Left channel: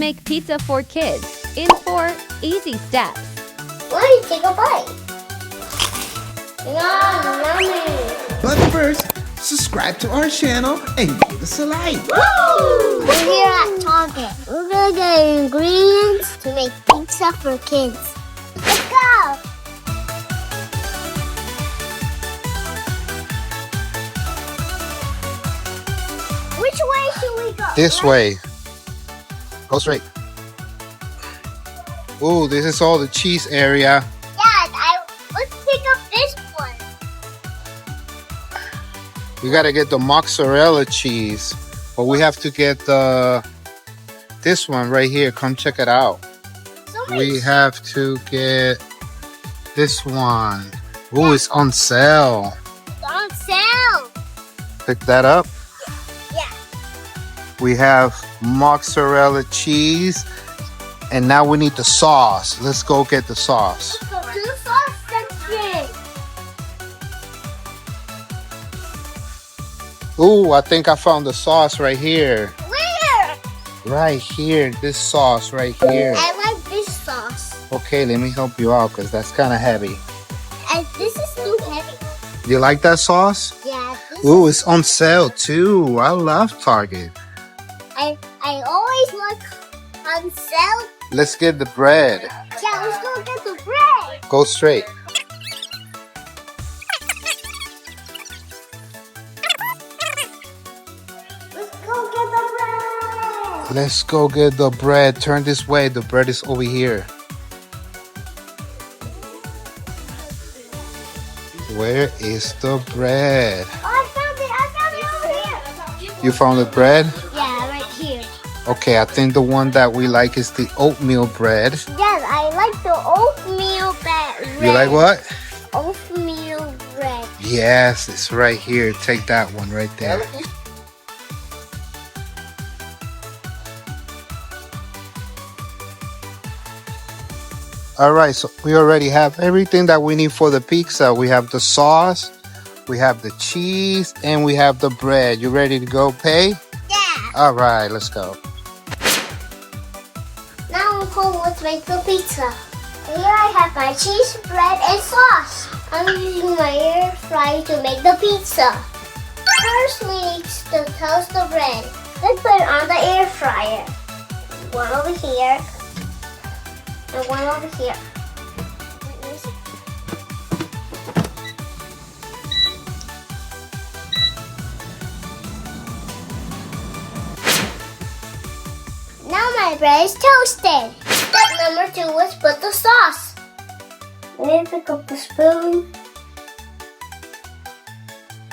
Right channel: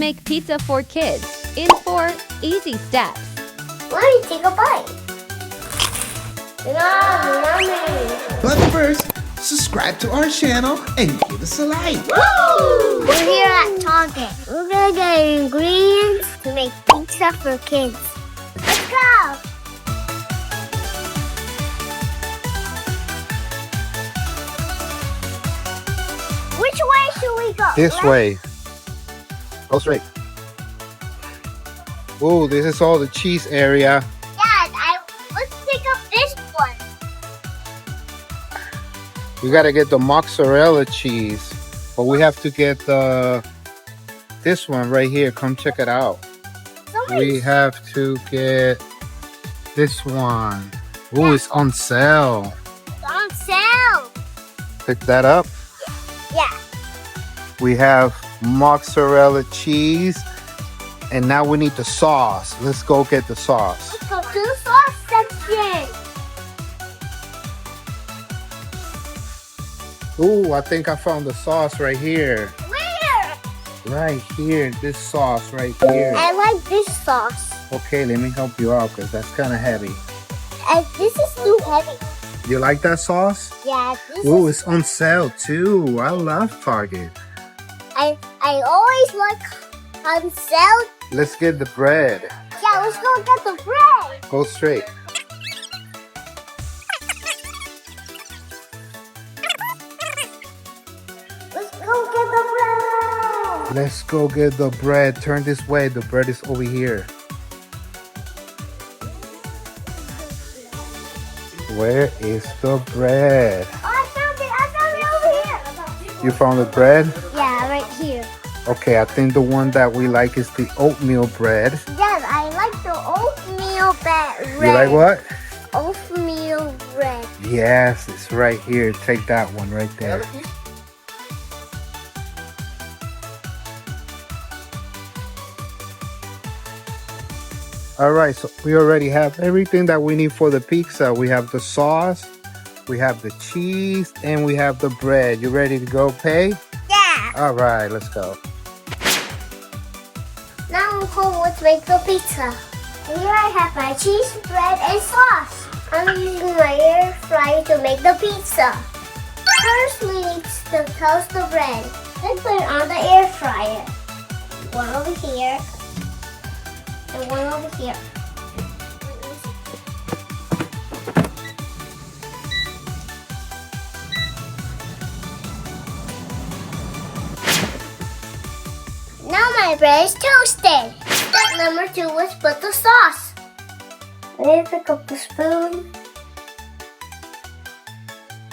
make pizza for kids in 4 easy steps. Let me take a bite. Yummy. But first, subscribe to our channel and give us a like. Woo! We're here at Target. We're gonna get ingredients to make pizza for kids. Let's go! Which way should we go? This way. Go straight. Ooh, this is all the cheese area. Dad, let's pick up this one. You gotta get the mozzarella cheese, but we have to get this one right here. Come check it out. We have to get this one. Ooh, it's on sale. It's on sale. Pick that up. Yeah. We have mozzarella cheese, and now we need the sauce. Let's go get the sauce. Let's go to the sauce section. Ooh, I think I found the sauce right here. Where? Right here, this sauce right here. I like this sauce. Okay, let me help you out because that's kind of heavy. This is too heavy. You like that sauce? Yeah. Ooh, it's on sale too. I love Target. I always like on sale. Let's get the bread. Yeah, let's go get the bread. Go straight. Let's go get the bread. Let's go get the bread. Turn this way. The bread is over here. Where is the bread? Oh, I found it over here. You found the bread? Yeah, right here. Okay, I think the one that we like is the oatmeal bread. Yes, I like the oatmeal bread. You like what? Oatmeal bread. Yes, it's right here. Take that one right there. All right, so we already have everything that we need for the pizza. We have the sauce, we have the cheese, and we have the bread. You ready to go pay? Yeah. All right, let's go. Now let's make the pizza. Here I have my cheese, bread, and sauce. I'm using my air fryer to make the pizza. First, we need to toast the bread. Let's put it on the air fryer. One over here. And one over here. Now my bread is toasted. Step number 2, let's put the sauce. Let me pick up the spoon.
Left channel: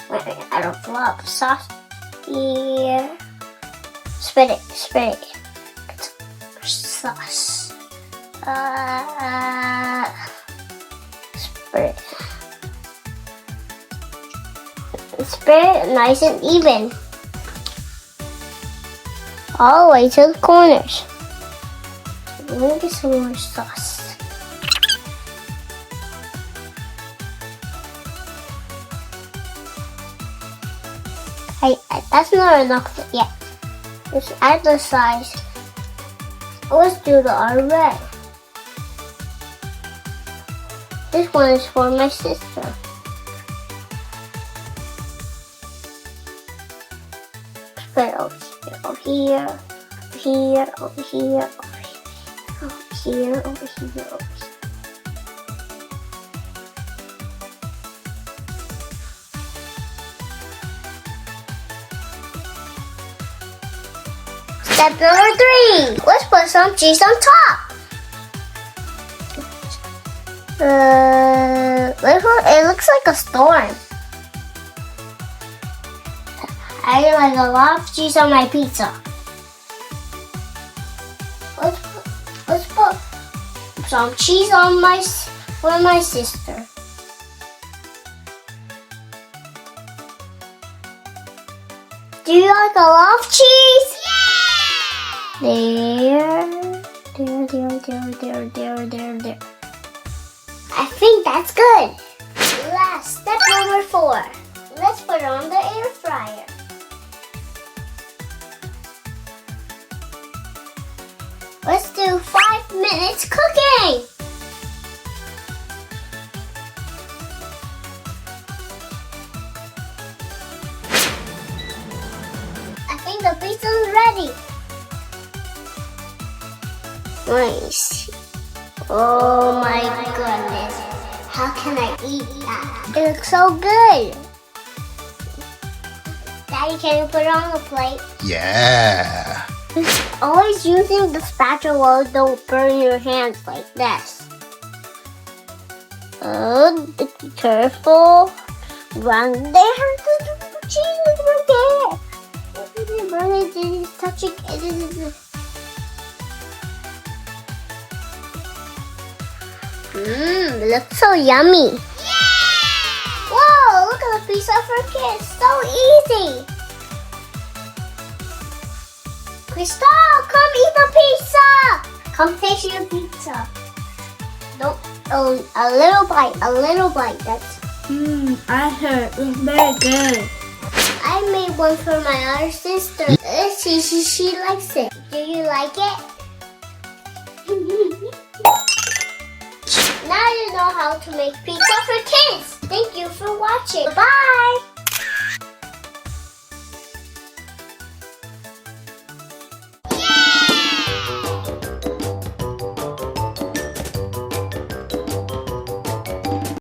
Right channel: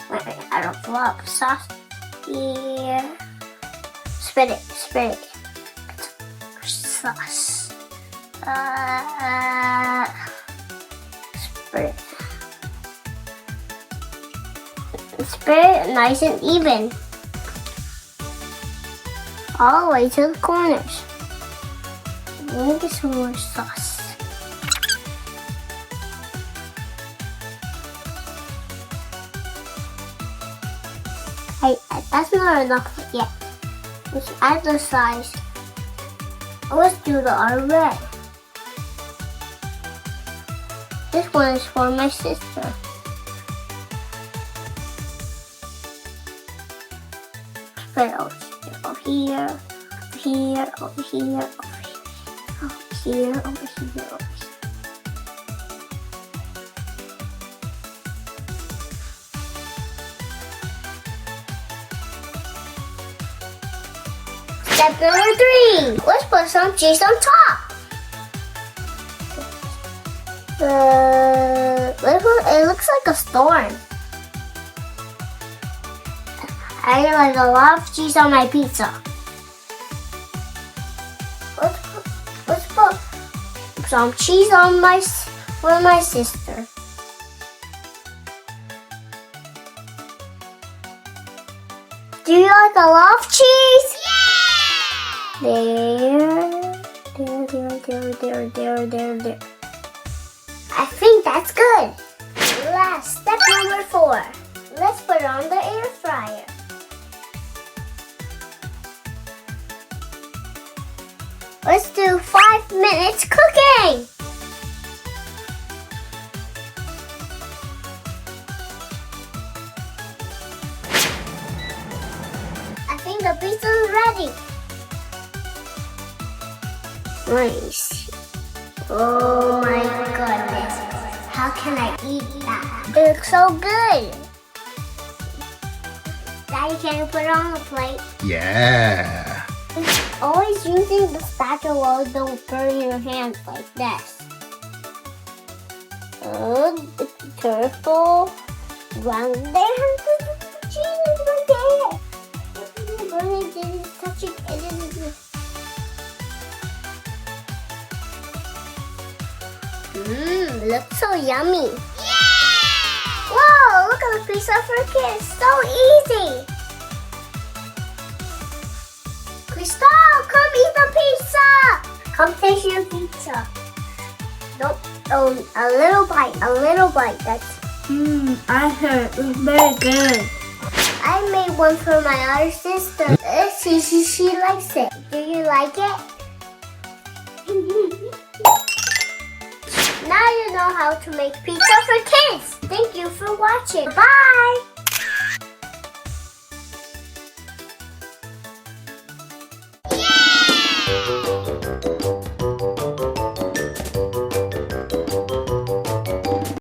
I don't fill up the sauce. Here. Spread it. Sauce. Spread it nice and even. All the way to the corners. Let me get some more sauce. That's not enough yet. Let's add the size. Let's do the other red. This one is for my sister. Spread it over here, over here. Step number 3, let's put some cheese on top. It looks like a storm. I like a lot of cheese on my pizza. Let's put some cheese on for my sister. Do you like a lot of cheese? Yeah! There. I think that's good. Last, step number 4. Let's put it on the air fryer. Let's do 5 minutes cooking. I think the pizza is ready. Nice. Oh my goodness. How can I eat that? It looks so good. Daddy, can you put it on the plate? Yeah. Always using the spatula, don't burn your hands like this. Oh, be careful. Run there. Cheese, okay. Burn it, touch it. Looks so yummy. Yeah! Whoa, look at the pizza for kids. So easy. Crystal, come eat the pizza. Come taste your pizza. Don't, a little bite. That's. I heard it was very good. I made one for my other sister. She likes it. Do you like it? Now you know how to make pizza for kids. Thank you for watching. Bye.